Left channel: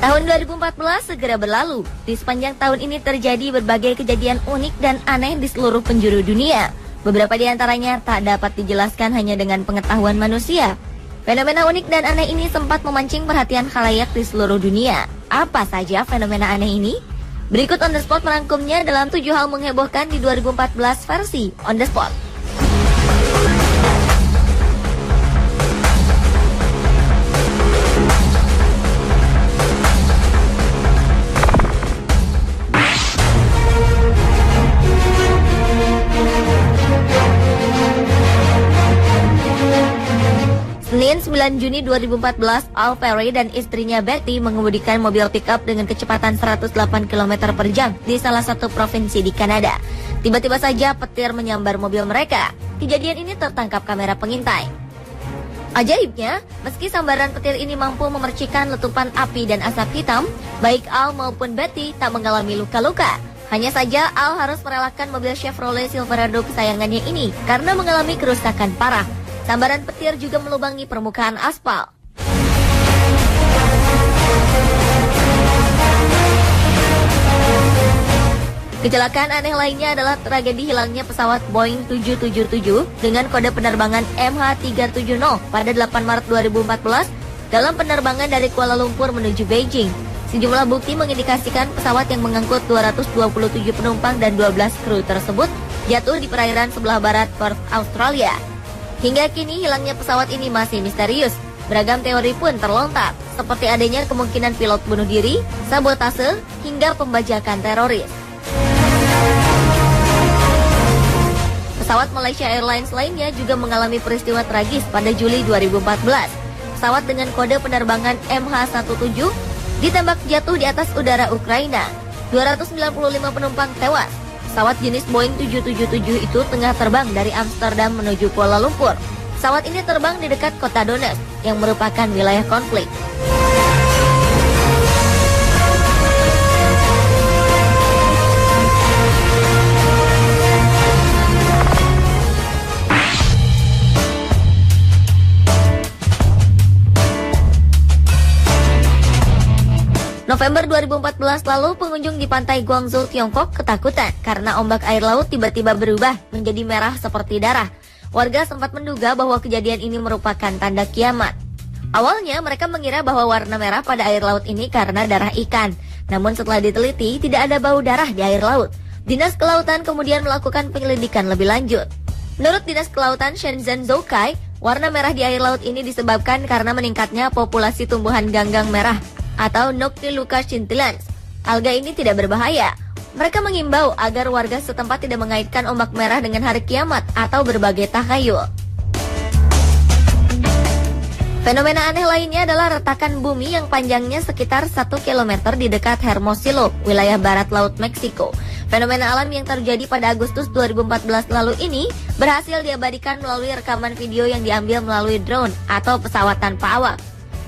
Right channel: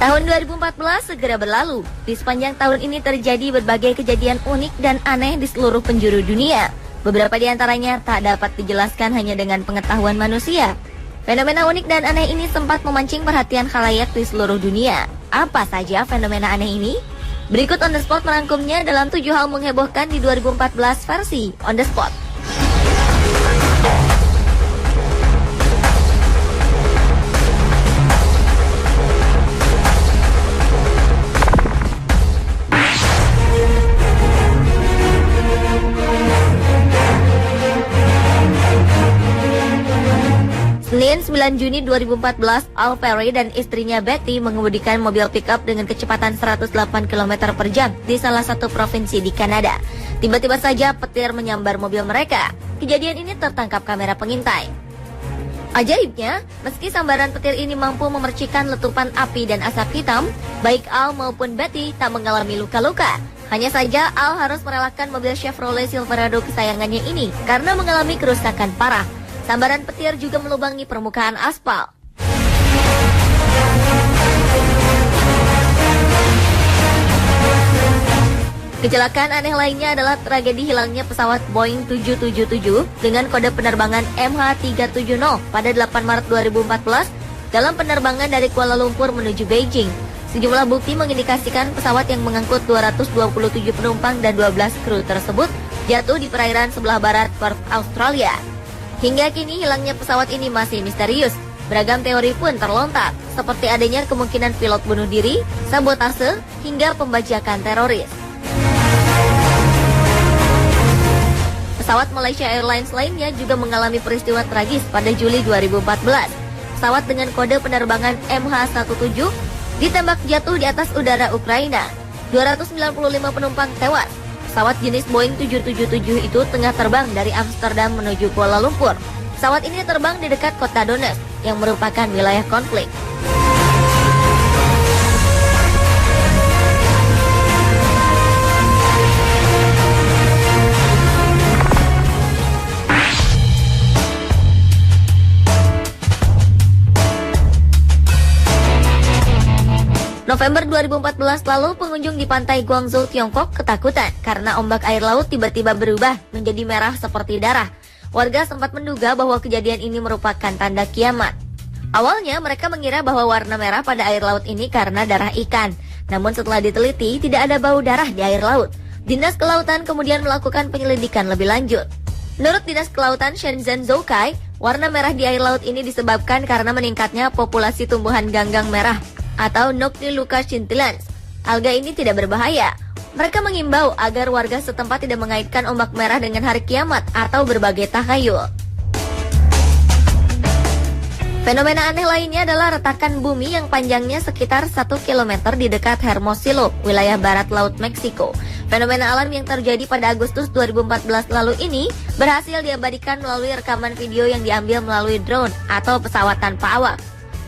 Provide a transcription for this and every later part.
Tahun 2014 segera berlalu. Di sepanjang tahun ini terjadi berbagai kejadian unik dan aneh di seluruh penjuru dunia. Beberapa di antaranya tak dapat dijelaskan hanya dengan pengetahuan manusia. Fenomena unik dan aneh ini sempat memancing perhatian khalayak di seluruh dunia. Apa saja fenomena aneh ini? Berikut On The Spot merangkumnya dalam 7 hal menghebohkan di 2014 versi On The Spot. Senin 9 Juni 2014, Al Perry dan istrinya Betty mengemudikan mobil pickup dengan kecepatan 108 km per jam di salah satu provinsi di Kanada. Tiba-tiba saja petir menyambar mobil mereka. Kejadian ini tertangkap kamera pengintai. Ajaibnya, meski sambaran petir ini mampu memercikan letupan api dan asap hitam, baik Al maupun Betty tak mengalami luka-luka. Hanya saja Al harus merelakan mobil Chevrolet Silverado kesayangannya ini karena mengalami kerusakan parah. Sambaran petir juga melubangi permukaan aspal. Kecelakaan aneh lainnya adalah tragedi hilangnya pesawat Boeing 777 dengan kode penerbangan MH370 pada 8 Maret 2014 dalam penerbangan dari Kuala Lumpur menuju Beijing. Sejumlah bukti mengindikasikan pesawat yang mengangkut 227 penumpang dan 12 kru tersebut jatuh di perairan sebelah barat Perth, Australia. Hingga kini hilangnya pesawat ini masih misterius. Beragam teori pun terlontar, seperti adanya kemungkinan pilot bunuh diri, sabotase, hingga pembajakan teroris. Pesawat Malaysia Airlines lainnya juga mengalami peristiwa tragis pada Juli 2014. Pesawat dengan kode penerbangan MH17 ditembak jatuh di atas udara Ukraina. 295 penumpang tewas. Pesawat jenis Boeing 777 itu tengah terbang dari Amsterdam menuju Kuala Lumpur. Pesawat ini terbang di dekat kota Donetsk yang merupakan wilayah konflik. November 2014 lalu, pengunjung di pantai Guangzhou, Tiongkok ketakutan karena ombak air laut tiba-tiba berubah menjadi merah seperti darah. Warga sempat menduga bahwa kejadian ini merupakan tanda kiamat. Awalnya mereka mengira bahwa warna merah pada air laut ini karena darah ikan. Namun setelah diteliti, tidak ada bau darah di air laut. Dinas Kelautan kemudian melakukan penyelidikan lebih lanjut. Menurut Dinas Kelautan Shenzhen Zhoukai, warna merah di air laut ini disebabkan karena meningkatnya populasi tumbuhan ganggang merah atau Noctiluca scintillans. Alga ini tidak berbahaya. Mereka mengimbau agar warga setempat tidak mengaitkan ombak merah dengan hari kiamat atau berbagai tahayul. Fenomena aneh lainnya adalah retakan bumi yang panjangnya sekitar 1 km di dekat Hermosillo, wilayah barat laut Meksiko. Fenomena alam yang terjadi pada Agustus 2014 lalu ini berhasil diabadikan melalui rekaman video yang diambil melalui drone atau pesawat tanpa awak.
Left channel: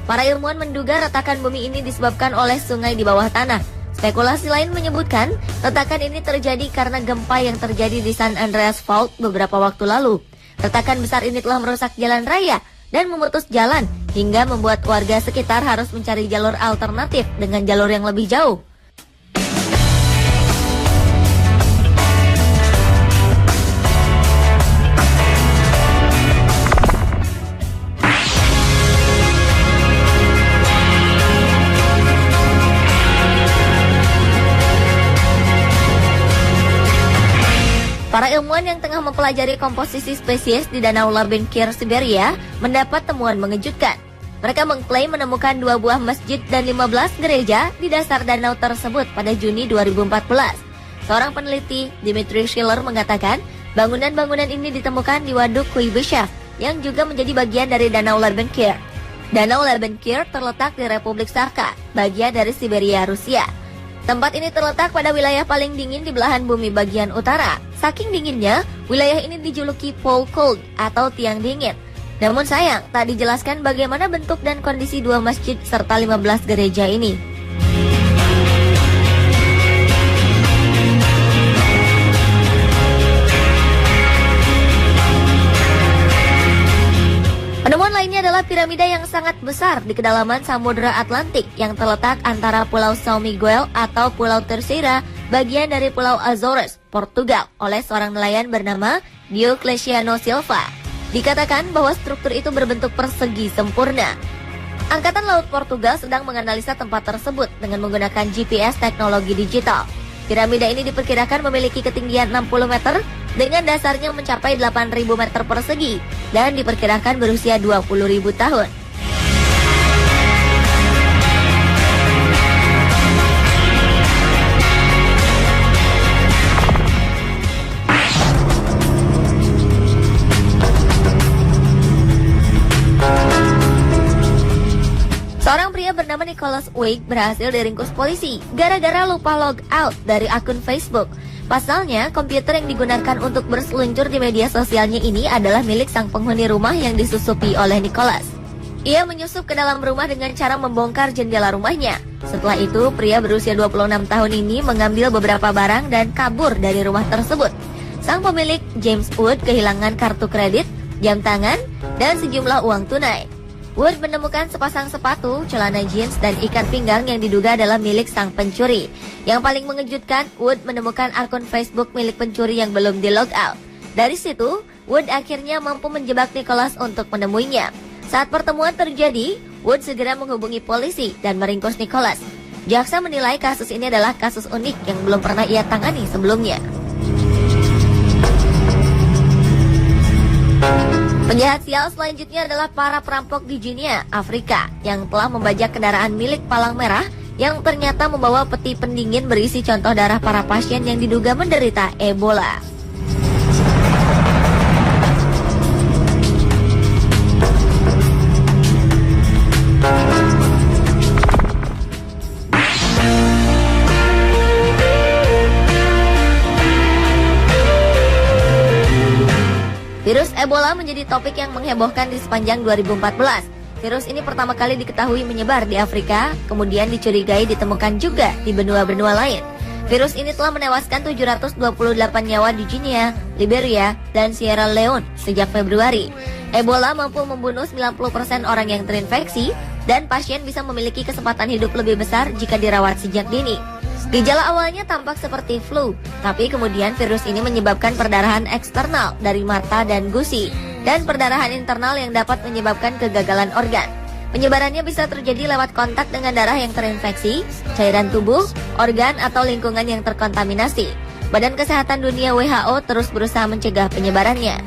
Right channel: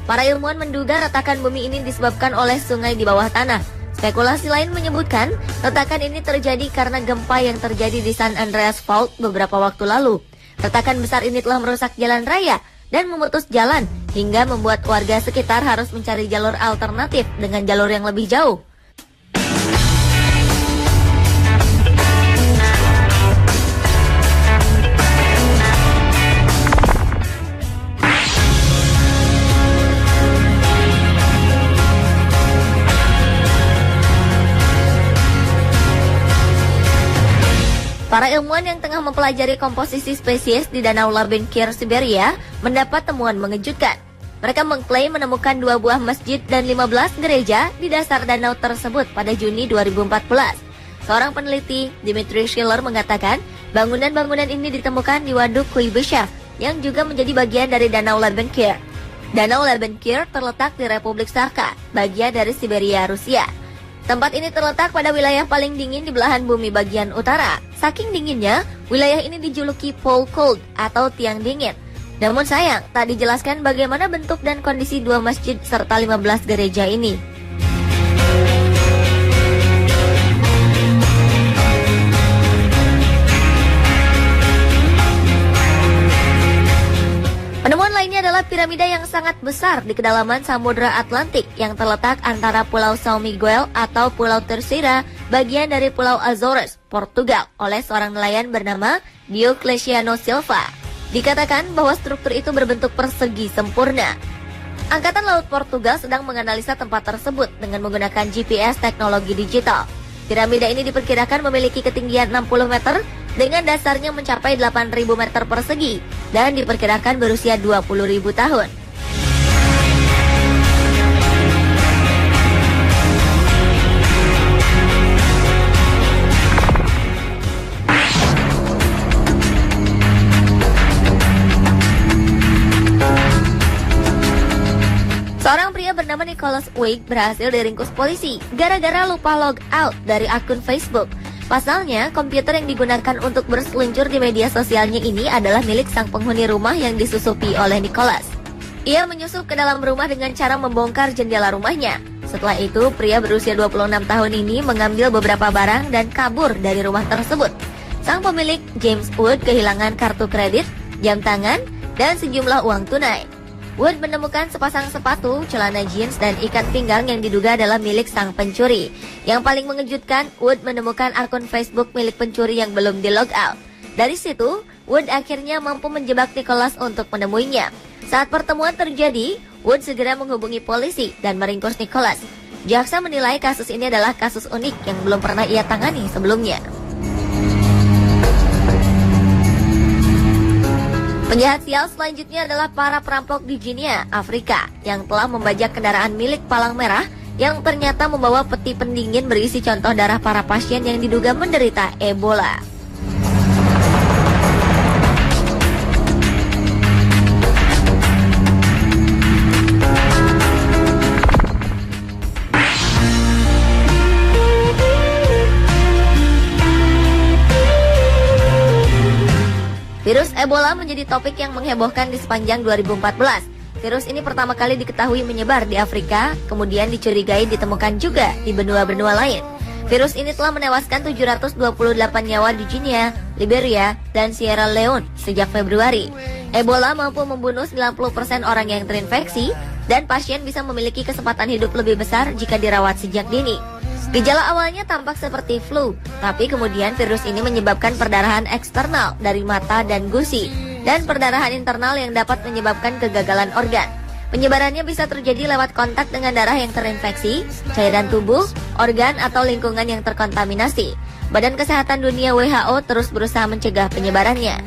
Para ilmuwan menduga retakan bumi ini disebabkan oleh sungai di bawah tanah. Spekulasi lain menyebutkan retakan ini terjadi karena gempa yang terjadi di San Andreas Fault beberapa waktu lalu. Retakan besar ini telah merusak jalan raya dan memutus jalan hingga membuat warga sekitar harus mencari jalur alternatif dengan jalur yang lebih jauh. Para ilmuwan yang tengah mempelajari komposisi spesies di Danau Larbenkir, Siberia, mendapat temuan mengejutkan. Mereka mengklaim menemukan 2 buah masjid dan 15 gereja di dasar danau tersebut pada Juni 2014. Seorang peneliti, Dimitri Schiller, mengatakan bangunan-bangunan ini ditemukan di Waduk Kuybyshev yang juga menjadi bagian dari Danau Larbenkir. Danau Larbenkir terletak di Republik Sakha, bagian dari Siberia, Rusia. Tempat ini terletak pada wilayah paling dingin di belahan bumi bagian utara. Saking dinginnya, wilayah ini dijuluki Pole Cold atau tiang dingin. Namun sayang, tak dijelaskan bagaimana bentuk dan kondisi 2 masjid serta 15 gereja ini. Penemuan lainnya adalah piramida Piramida yang sangat besar di kedalaman Samudra Atlantik yang terletak antara Pulau São Miguel atau Pulau Terceira, bagian dari Pulau Azores, Portugal, oleh seorang nelayan bernama Diocleciano Silva. Dikatakan bahwa struktur itu berbentuk persegi sempurna. Angkatan Laut Portugal sedang menganalisa tempat tersebut dengan menggunakan GPS teknologi digital. Piramida ini diperkirakan memiliki ketinggian 60 meter dengan dasarnya mencapai 8.000 meter persegi dan diperkirakan berusia 20.000 tahun. Seorang pria bernama Nicholas Wade berhasil diringkus polisi gara-gara lupa log out dari akun Facebook. Pasalnya, komputer yang digunakan untuk berseluncur di media sosialnya ini adalah milik sang penghuni rumah yang disusupi oleh Nicholas. Ia menyusup ke dalam rumah dengan cara membongkar jendela rumahnya. Setelah itu, pria berusia 26 tahun ini mengambil beberapa barang dan kabur dari rumah tersebut. Sang pemilik, James Wood, kehilangan kartu kredit, jam tangan, dan sejumlah uang tunai. Wood menemukan sepasang sepatu, celana jeans, dan ikat pinggang yang diduga adalah milik sang pencuri. Yang paling mengejutkan, Wood menemukan akun Facebook milik pencuri yang belum di-log out. Dari situ, Wood akhirnya mampu menjebak Nicholas untuk menemuinya. Saat pertemuan terjadi, Wood segera menghubungi polisi dan meringkus Nicholas. Jaksa menilai kasus ini adalah kasus unik yang belum pernah ia tangani sebelumnya. Penjahat sial selanjutnya adalah para perampok di Guinea, Afrika, yang telah membajak kendaraan milik Palang Merah yang ternyata membawa peti pendingin berisi contoh darah para pasien yang diduga menderita Ebola. Virus Ebola menjadi topik yang menghebohkan di sepanjang 2014. Virus ini pertama kali diketahui menyebar di Afrika, kemudian dicurigai ditemukan juga di benua-benua lain. Virus ini telah menewaskan 728 nyawa di Guinea, Liberia, dan Sierra Leone sejak Februari. Ebola mampu membunuh 90% orang yang terinfeksi, dan pasien bisa memiliki kesempatan hidup lebih besar jika dirawat sejak dini. Gejala awalnya tampak seperti flu, tapi kemudian virus ini menyebabkan perdarahan eksternal dari mata dan gusi, dan perdarahan internal yang dapat menyebabkan kegagalan organ. Penyebarannya bisa terjadi lewat kontak dengan darah yang terinfeksi, cairan tubuh, organ, atau lingkungan yang terkontaminasi. Badan Kesehatan Dunia WHO terus berusaha mencegah penyebarannya.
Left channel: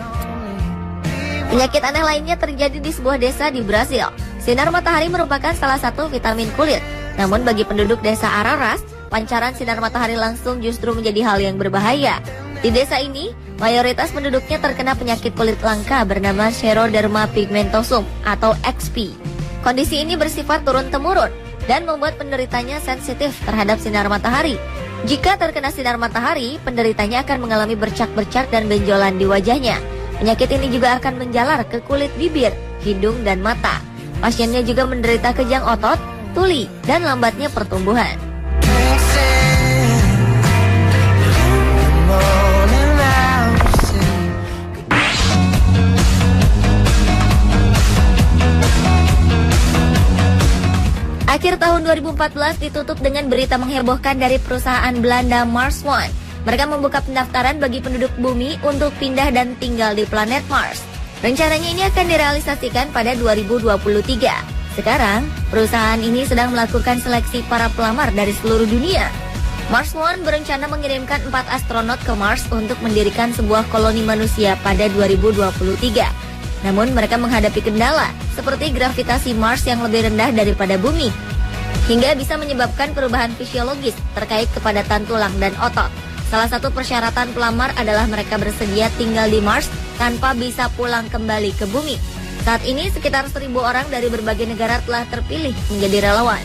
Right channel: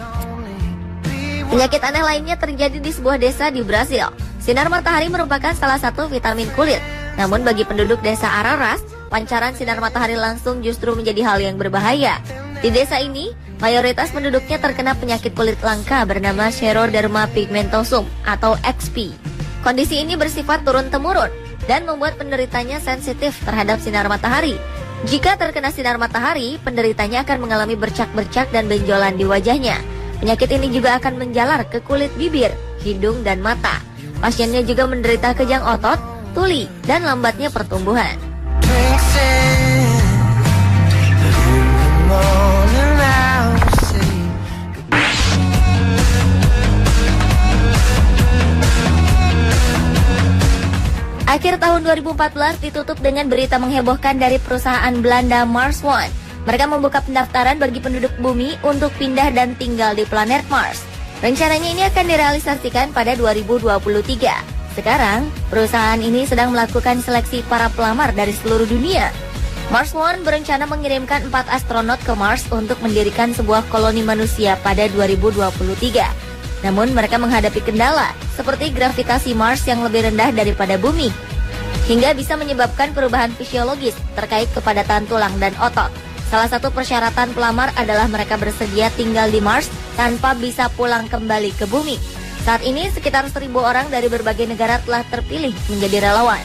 Penyakit aneh lainnya terjadi di sebuah desa di Brasil. Sinar matahari merupakan salah satu vitamin kulit. Namun bagi penduduk desa Araras, pancaran sinar matahari langsung justru menjadi hal yang berbahaya. Di desa ini, mayoritas penduduknya terkena penyakit kulit langka bernama Xeroderma pigmentosum atau XP. Kondisi ini bersifat turun-temurun dan membuat penderitanya sensitif terhadap sinar matahari. Jika terkena sinar matahari, penderitanya akan mengalami bercak-bercak dan benjolan di wajahnya. Penyakit ini juga akan menjalar ke kulit bibir, hidung, dan mata. Pasiennya juga menderita kejang otot, tuli, dan lambatnya pertumbuhan. Akhir tahun 2014 ditutup dengan berita menghebohkan dari perusahaan Belanda Mars One. Mereka membuka pendaftaran bagi penduduk bumi untuk pindah dan tinggal di planet Mars. Rencananya ini akan direalisasikan pada 2023. Sekarang, perusahaan ini sedang melakukan seleksi para pelamar dari seluruh dunia. Mars One berencana mengirimkan 4 astronot ke Mars untuk mendirikan sebuah koloni manusia pada 2023. Namun mereka menghadapi kendala, seperti gravitasi Mars yang lebih rendah daripada bumi, hingga bisa menyebabkan perubahan fisiologis terkait kepadatan tulang dan otot. Salah satu persyaratan pelamar adalah mereka bersedia tinggal di Mars tanpa bisa pulang kembali ke bumi. Saat ini sekitar 1.000 orang dari berbagai negara telah terpilih menjadi relawan.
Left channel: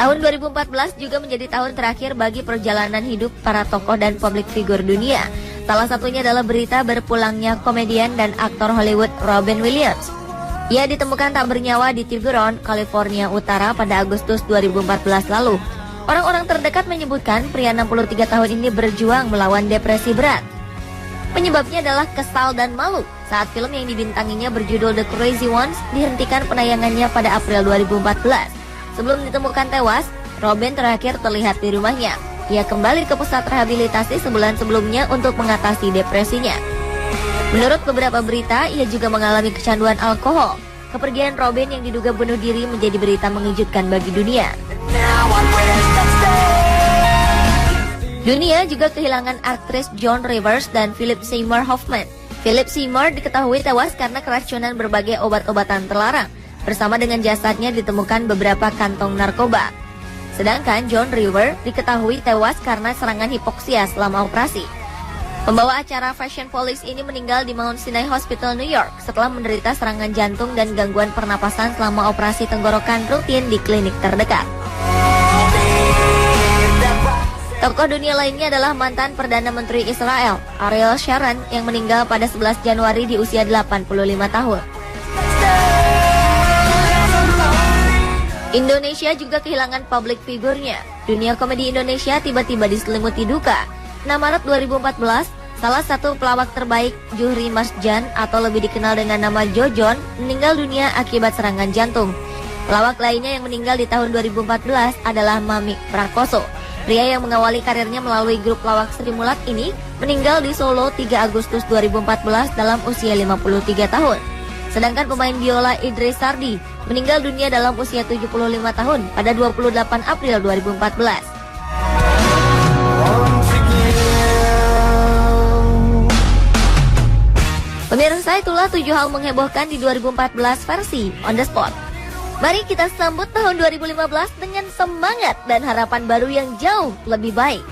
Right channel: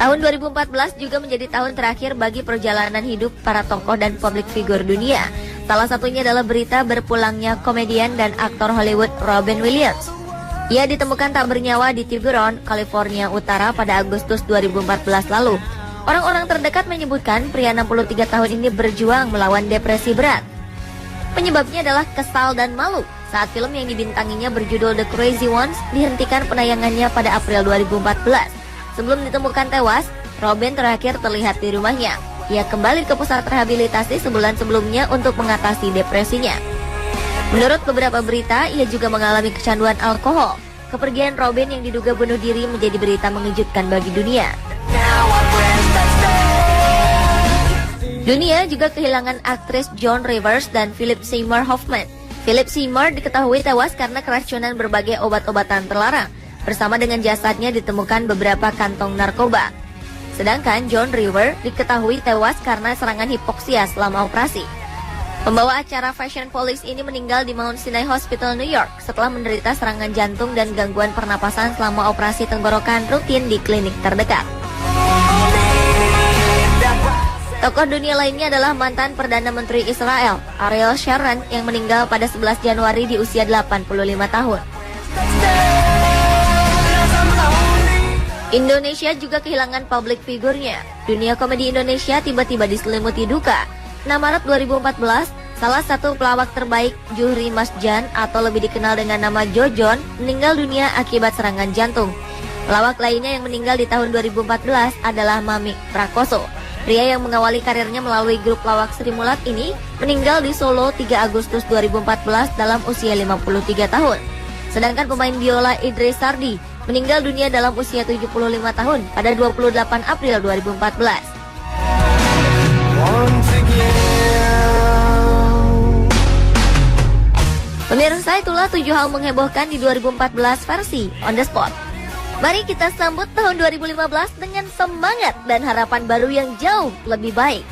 Tahun 2014 juga menjadi tahun terakhir bagi perjalanan hidup para tokoh dan publik figur dunia. Salah satunya adalah berita berpulangnya komedian dan aktor Hollywood Robin Williams. Ia ditemukan tak bernyawa di Tiburon, California Utara pada Agustus 2014 lalu. Orang-orang terdekat menyebutkan pria 63 tahun ini berjuang melawan depresi berat. Penyebabnya adalah kesal dan malu saat film yang dibintanginya berjudul The Crazy Ones dihentikan penayangannya pada April 2014. Sebelum ditemukan tewas, Robin terakhir terlihat di rumahnya. Ia kembali ke pusat rehabilitasi sebulan sebelumnya untuk mengatasi depresinya. Menurut beberapa berita, ia juga mengalami kecanduan alkohol. Kepergian Robin yang diduga bunuh diri menjadi berita mengejutkan bagi dunia. Dunia juga kehilangan aktris Joan Rivers dan Philip Seymour Hoffman. Philip Seymour diketahui tewas karena keracunan berbagai obat-obatan terlarang. Bersama dengan jasadnya ditemukan beberapa kantong narkoba. Sedangkan Joan Rivers diketahui tewas karena serangan hipoksia selama operasi. Pembawa acara Fashion Police ini meninggal di Mount Sinai Hospital, New York setelah menderita serangan jantung dan gangguan pernapasan selama operasi tenggorokan rutin di klinik terdekat. Tokoh dunia lainnya adalah mantan Perdana Menteri Israel, Ariel Sharon, yang meninggal pada 11 Januari di usia 85 tahun. Indonesia juga kehilangan publik figurnya. Dunia komedi Indonesia tiba-tiba diselimuti duka. 6 Maret 2014, salah satu pelawak terbaik, Juhri Masjan atau lebih dikenal dengan nama Jojon, meninggal dunia akibat serangan jantung. Pelawak lainnya yang meninggal di tahun 2014 adalah Mamik Prakoso. Pria yang mengawali karirnya melalui grup pelawak Sri Mulat ini meninggal di Solo 3 Agustus 2014 dalam usia 53 tahun. Sedangkan pemain biola Idris Sardi meninggal dunia dalam usia 75 tahun pada 28 April 2014. Pemirsa, itulah 7 hal menghebohkan di 2014 versi On The Spot. Mari kita sambut tahun 2015 dengan semangat dan harapan baru yang jauh lebih baik.